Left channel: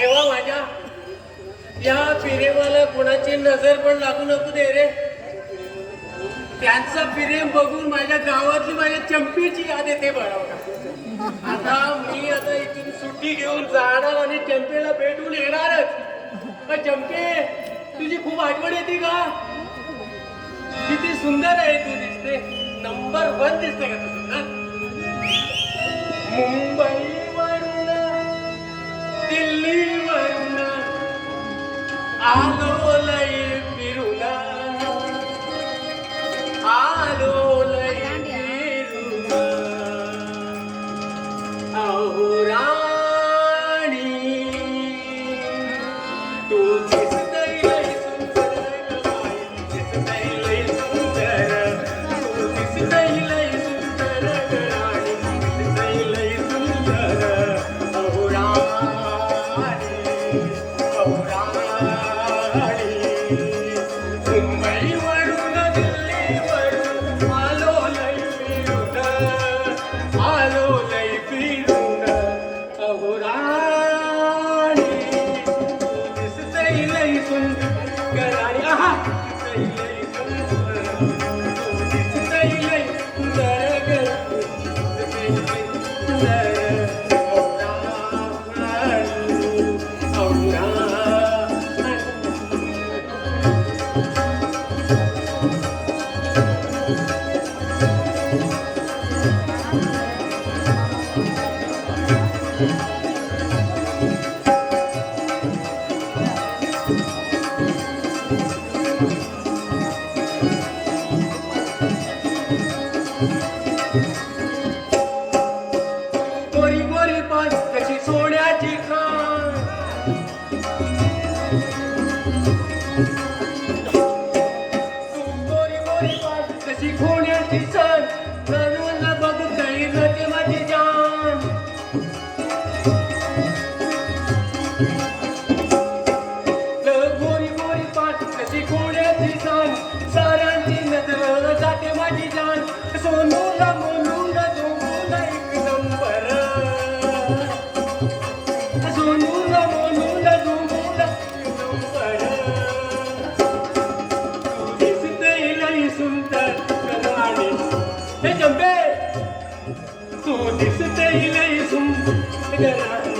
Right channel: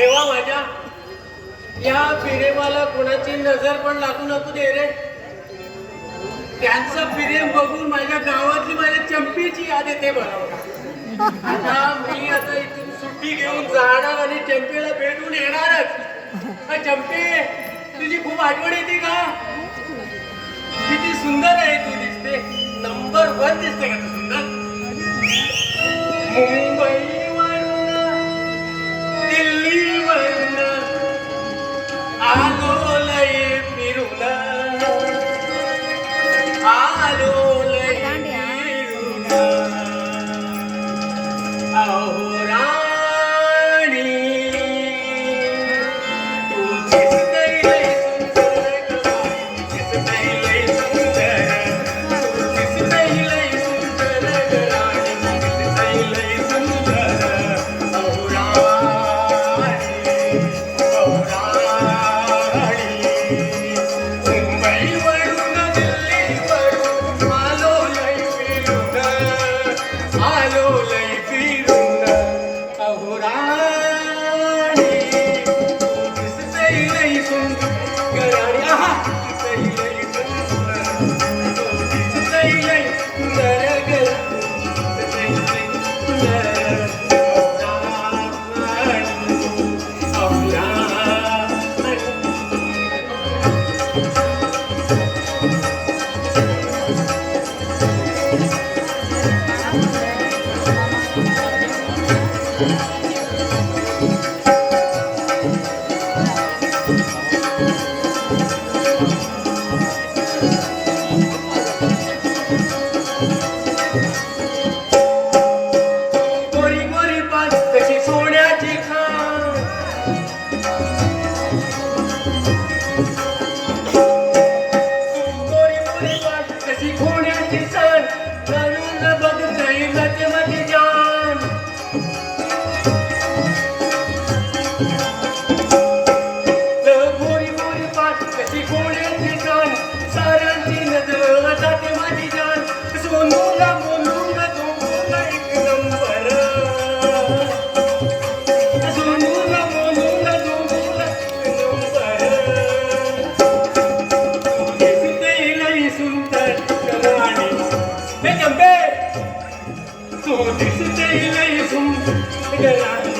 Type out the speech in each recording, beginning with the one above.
देवा माझ्या या फिरेवाला कोणाची नजर पण लागू नको दे रे. त्यांचं फिरेम बघून माझ्या गावातली माझ्या चंपीची याद येते बरोबर. आता इथून सुट्टी घेऊन जाणार आणि चंपीला भेटून येणारच. चंपी तुझी खूप आठवण येते का? किती सुंदर आहे तू दिसते. नंबर 1 दिसते का तू सुंदर. मुंबईवरून दिल्लीवरून आलो लय फिरून आलो लय फिरून अहो राणी तू दिसते लय सुंदर दिसते लय सुंदर तू दिसते लय सुंदर दिसते लय सुंदर अहो राणी अहो राणी मुंबईवरून दिल्लीवरून आलो लय फिरून आलो लय फिरून अहो राणी दिसते लय सुंदर राणी आहा दिसते लय सुंदर दिसते लय सुंदर गोरी गोरी पान कशी सोन्याची खाण गोरी गोरी पान कशी सोन्याची खाण नवीन बघता येते माझी जान गोरी गोरी पान कशी सोन्याची खाण साऱ्यांची नजर जाते माझी जान सोनूला मोनूला दोनूला एक नंबर सोनूला मोनूला दोनूला एक नंबर दिसते लय सुंदर राणी हे चंपे तू दिसते लय सुंदर राणी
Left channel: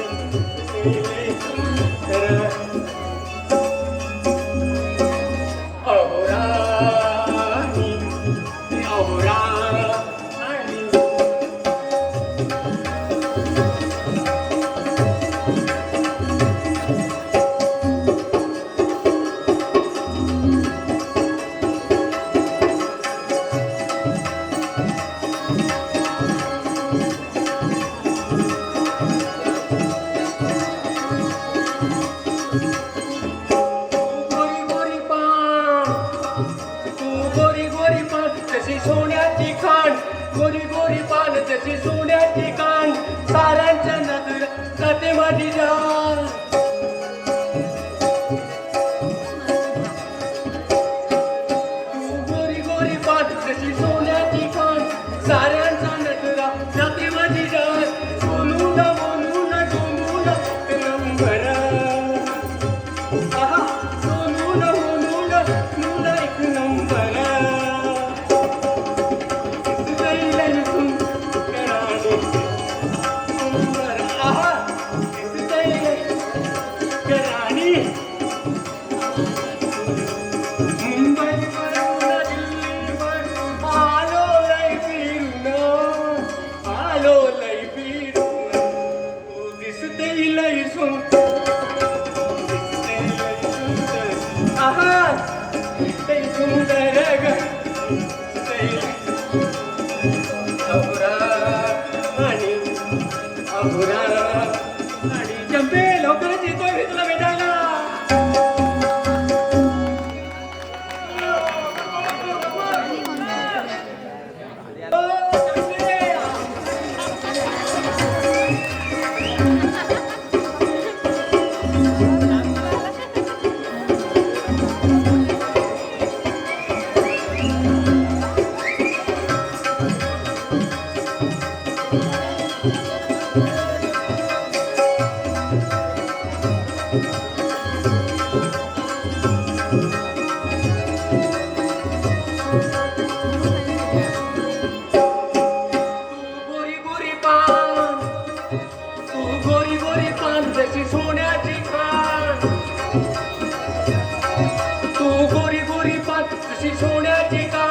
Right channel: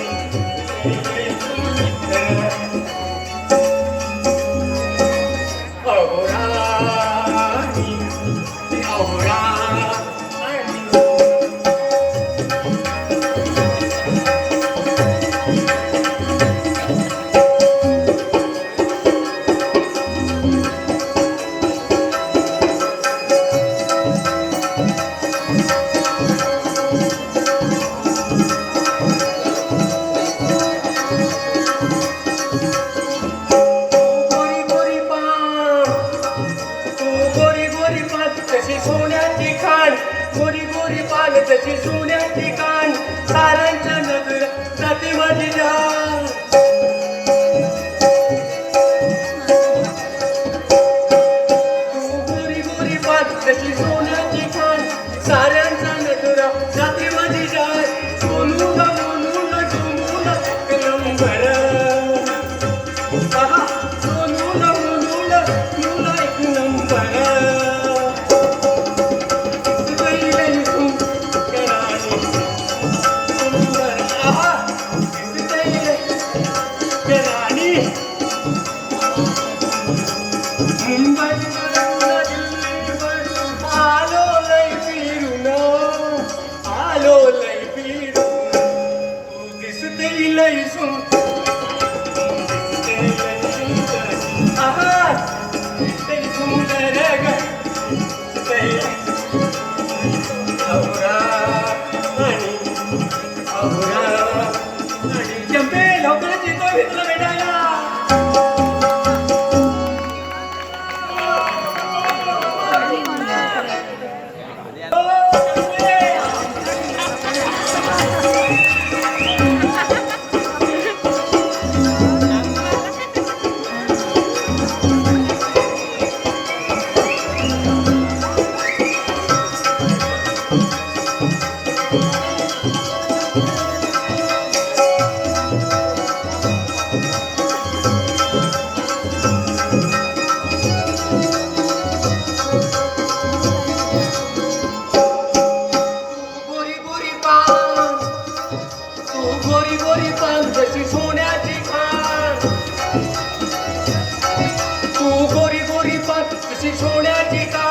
अहो राणी अहो राणी गोरी गोरी पान तू गोरी गोरी पान तशी सोन्याची खाण गोरी गोरी पान तशी सोन्याची खाण साऱ्यांच्या नजर जाते माझी जान तू गोरी गोरी पान तशी सोन्याची खाण साऱ्यांच्या नजर जाते माझी जान सोनूला मोनूला डोनूला एक नंबर आहा सोनूला मोनूला डोनूला एक नंबर दिसते लय सुंदर राणी सुंदर आहा दिसते लय सुंदर राणी मुंबईवरून दिल्लीवरून आलो लय फिरून आलो लय फिरून तू दिसते लय सुंदर दिसते लय सुंदर आहा दिसते सुंदर ग दिसते अहो राणी अहो राणी चंपे लवकरच येतो मी तुला भेटायला गोरी गोरी पान जशी सोन्याची खाण तू गोरी गोरी पान जशी सोन्याची खाण